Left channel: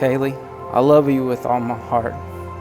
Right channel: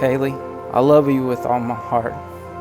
Kaylee, I love you with all my heart.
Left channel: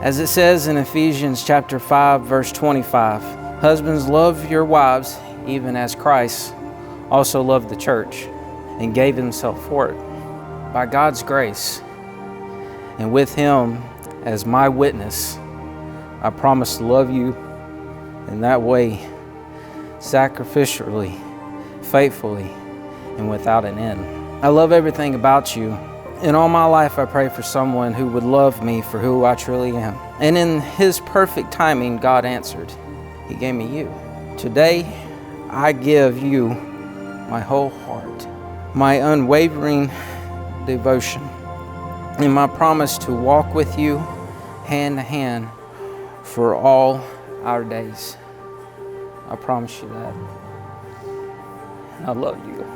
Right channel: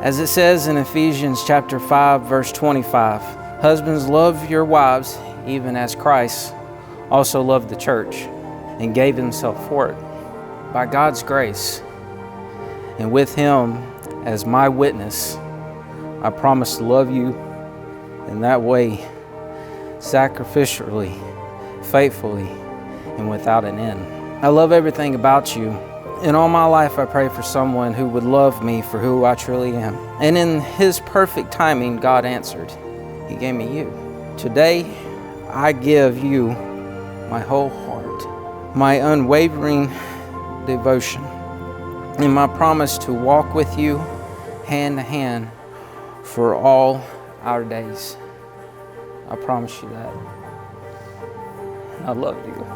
As it says in Ephesians chapter 5, verse 25, husbands, love your wives even as Christ also loved the church and gave himself for it. By God's grace, and with him as my witness, I promise to love you in that way, sacrificially, faithfully, and without an end. I love everything about you. In all my life, I pray for someone who would love me for who I truly am. And in His perfect timing, God answered. He gave me you. Today, I give you my whole heart, my unwavering devotion, and my promise to walk with you hand to hand for all our days. I promise you that. I love you.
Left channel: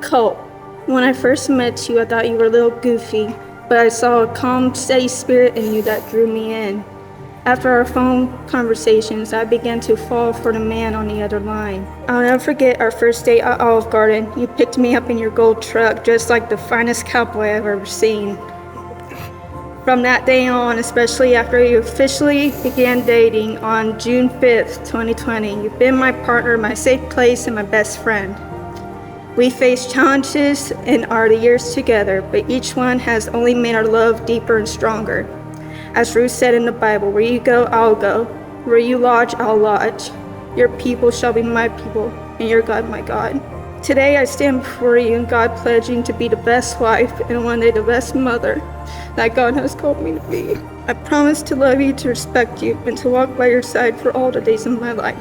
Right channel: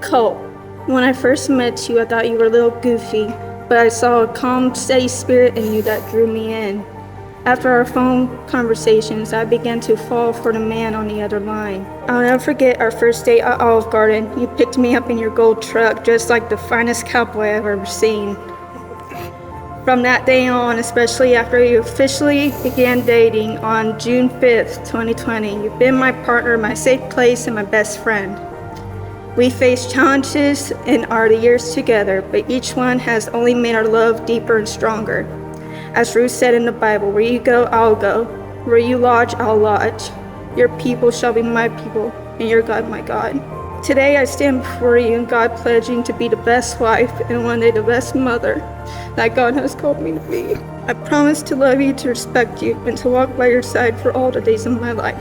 Colt, when I first met you, I thought you were a little goofy, but I saw a calm, steady spirit in you that drew me in. After our phone conversations, I began to fall for the man on the other line. I'll never forget our first date at Olive Garden. You picked me up in your gold truck, just like the finest cowboy I've ever seen. From that day on, especially after you officially began dating on June 5th, 2020, you've been my partner, my safe place, and my best friend. We faced challenges in our years together, but each one has only made our love deeper and stronger. As Ruth said in the Bible, where you go, I'll go. Where you lodge, I'll lodge. Your people shall be my people, and your God my God. Today I stand before you in God pledging to be the best wife and one day the best mother that God has called me to be. I promise to love you, to respect you, and to walk by your side for all the days of my life.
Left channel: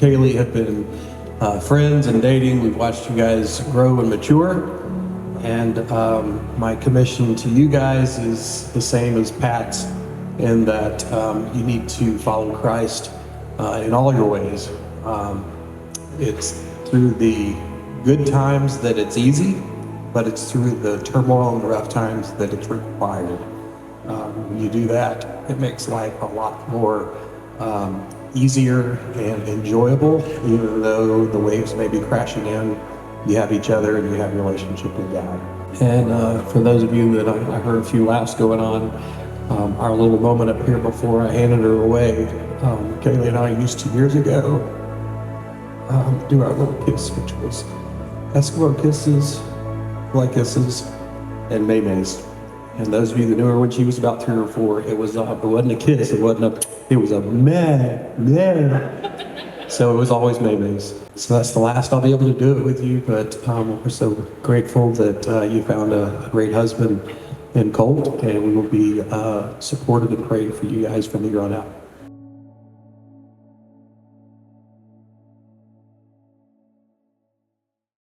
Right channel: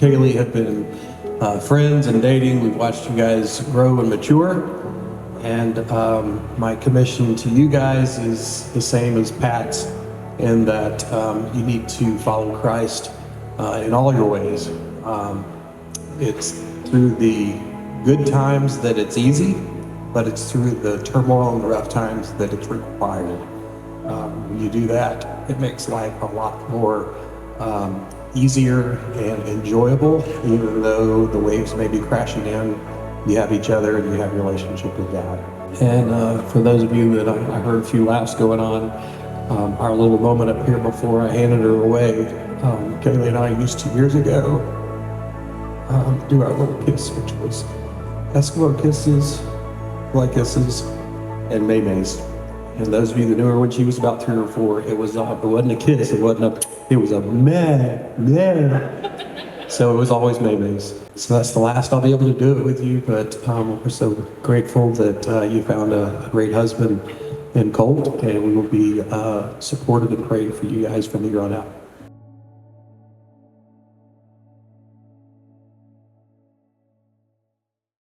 Kaylee have been friends and dating. We've watched you guys grow and mature. And my commission to you guys is the same as Pat's, in that you need to follow Christ in all your ways. It's through the good times that it's easy, but it's through the turmoil and the rough times that it's required. When you do that, it makes life a lot more easier and enjoyable. Even though the waves may be crashing in, you have each other and you have a relationship with God. And for those of you that I heard a few laughs going on, our little moment up here before I handed her away, Kaylee and I used to, years ago, do our little kiss, which was Eskimo kisses, fly kisses, and maymays. And those of you that knew her when she was about 3 or 4, it wasn't a kiss, it was a meh. So it was always maymays. So that's the last I'll be able to do it with you, but we're so grateful that you found a great husband in Colt, and we will be supportive and praying for you guys from here on out.